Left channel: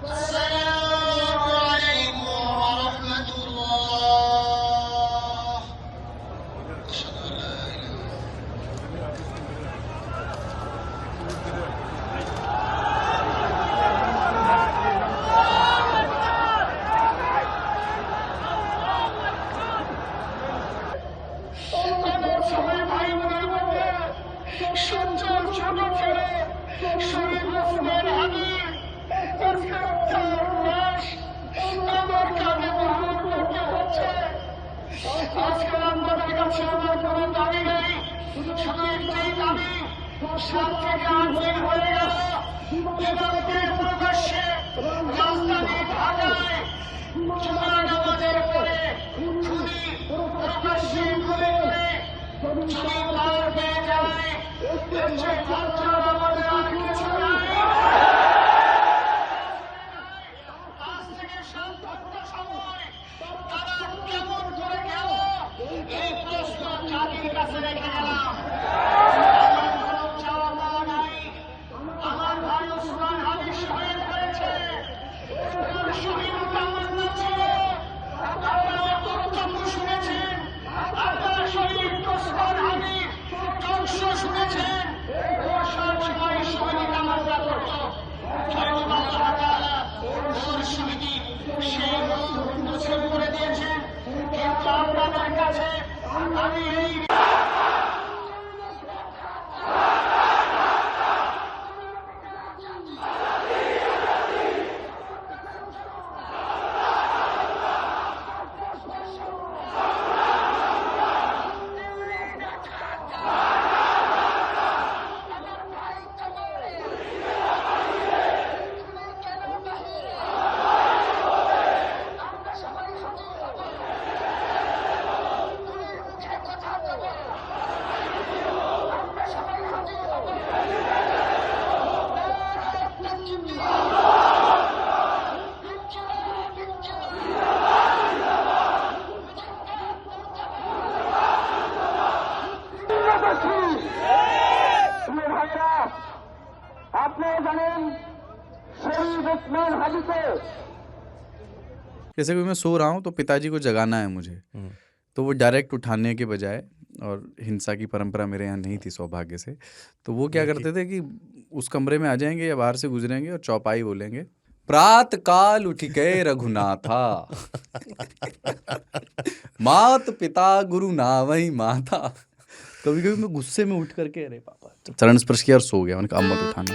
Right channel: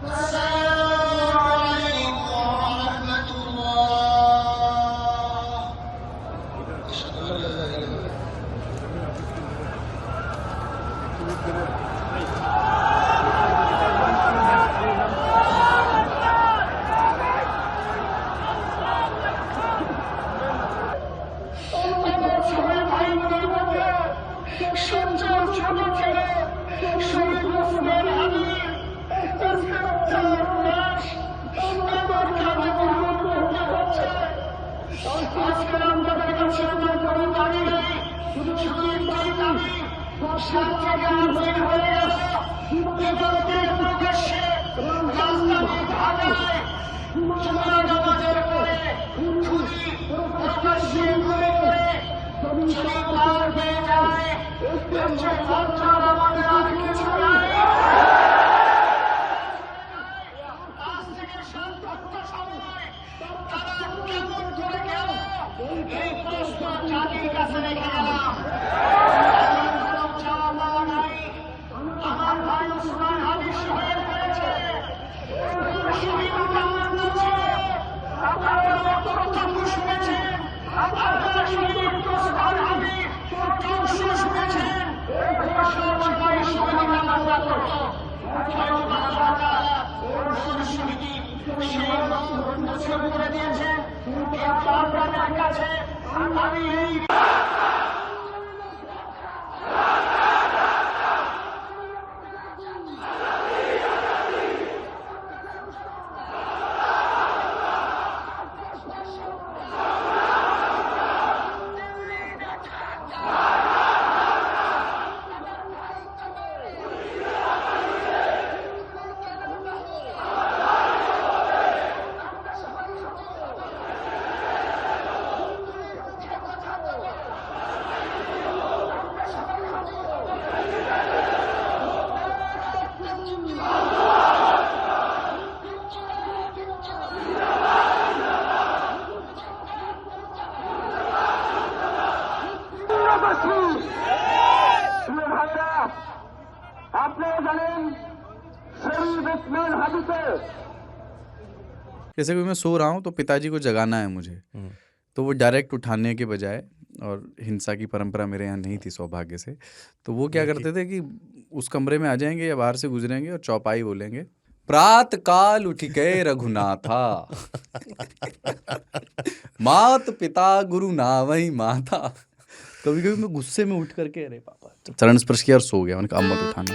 अस्सलामु अलैकुम व रहमतुल्लाह। अशहदु अन ला इलाहा আমার সবাই ভাই বোনের মধ্যে সঞ্চয় ছোট ছিল শরীর ওসমান হানি আজকে তার লাশ আমার কাঁধে বহন করতে হচ্ছে। আজকে আপনাদের কাছে আমার কোনো দাবি নেই, শুধু একটাই দাবি, 7 থেকে 8 দিন হয়ে গেল দিবালোকের প্রকাশ্যে রাজধানী ঢাকায় জুমার নামাজের পরে খুনি প্রকাশ্যে গুলি করে যদি পার পেয়ে যায় এর চেয়ে লজ্জার আমাদের আর কিছু নাই। আজ থেকে 7 ঘন্টা সময় তারা কেমন করে গেল এই প্রশ্ন জাতির কাছে রেখে গেলাম। আমার কোনো চাওয়া পাওয়া নাই। আমার ভাই ওসমান হাদি শহীদ হয়েছে, ওর শহীদটা আমার না ছিল। আপনারা বক্তব্য শুনেছেন, আপনারা শহীদ ওসমান হাদির ধ্বংস শুনেছেন। ও সব সময় শহীদ কামনা করত, হয়তো আল্লাহ তাআলা ওর শহীদি সেই মত মুছে করে দিয়েছেন। কিন্তু আপনাদের কাছে আমি এই जैसे कि मैं सो रहा हूँ तो पिताजी को जगाना है मुझे, तो वो डायरेक्ट उठाने के बजाय, और हिंसा की परंपरा मेरे यहाँ नहीं थी सौभाग्य से, तो वो क्या करते थे कि उस कमरे में आ जाएंगे या बाहर से गुजरेंगे और चौपाई बोलेंगे, प्रात काल उठ गए रघुनाथा मात पिता गुरु नावही माता। कभी कभी मैं गुस्से में उठ करके अरे पापा चरण स्पर्श किया और सो गया। मैंने कहा अब मत उठाना।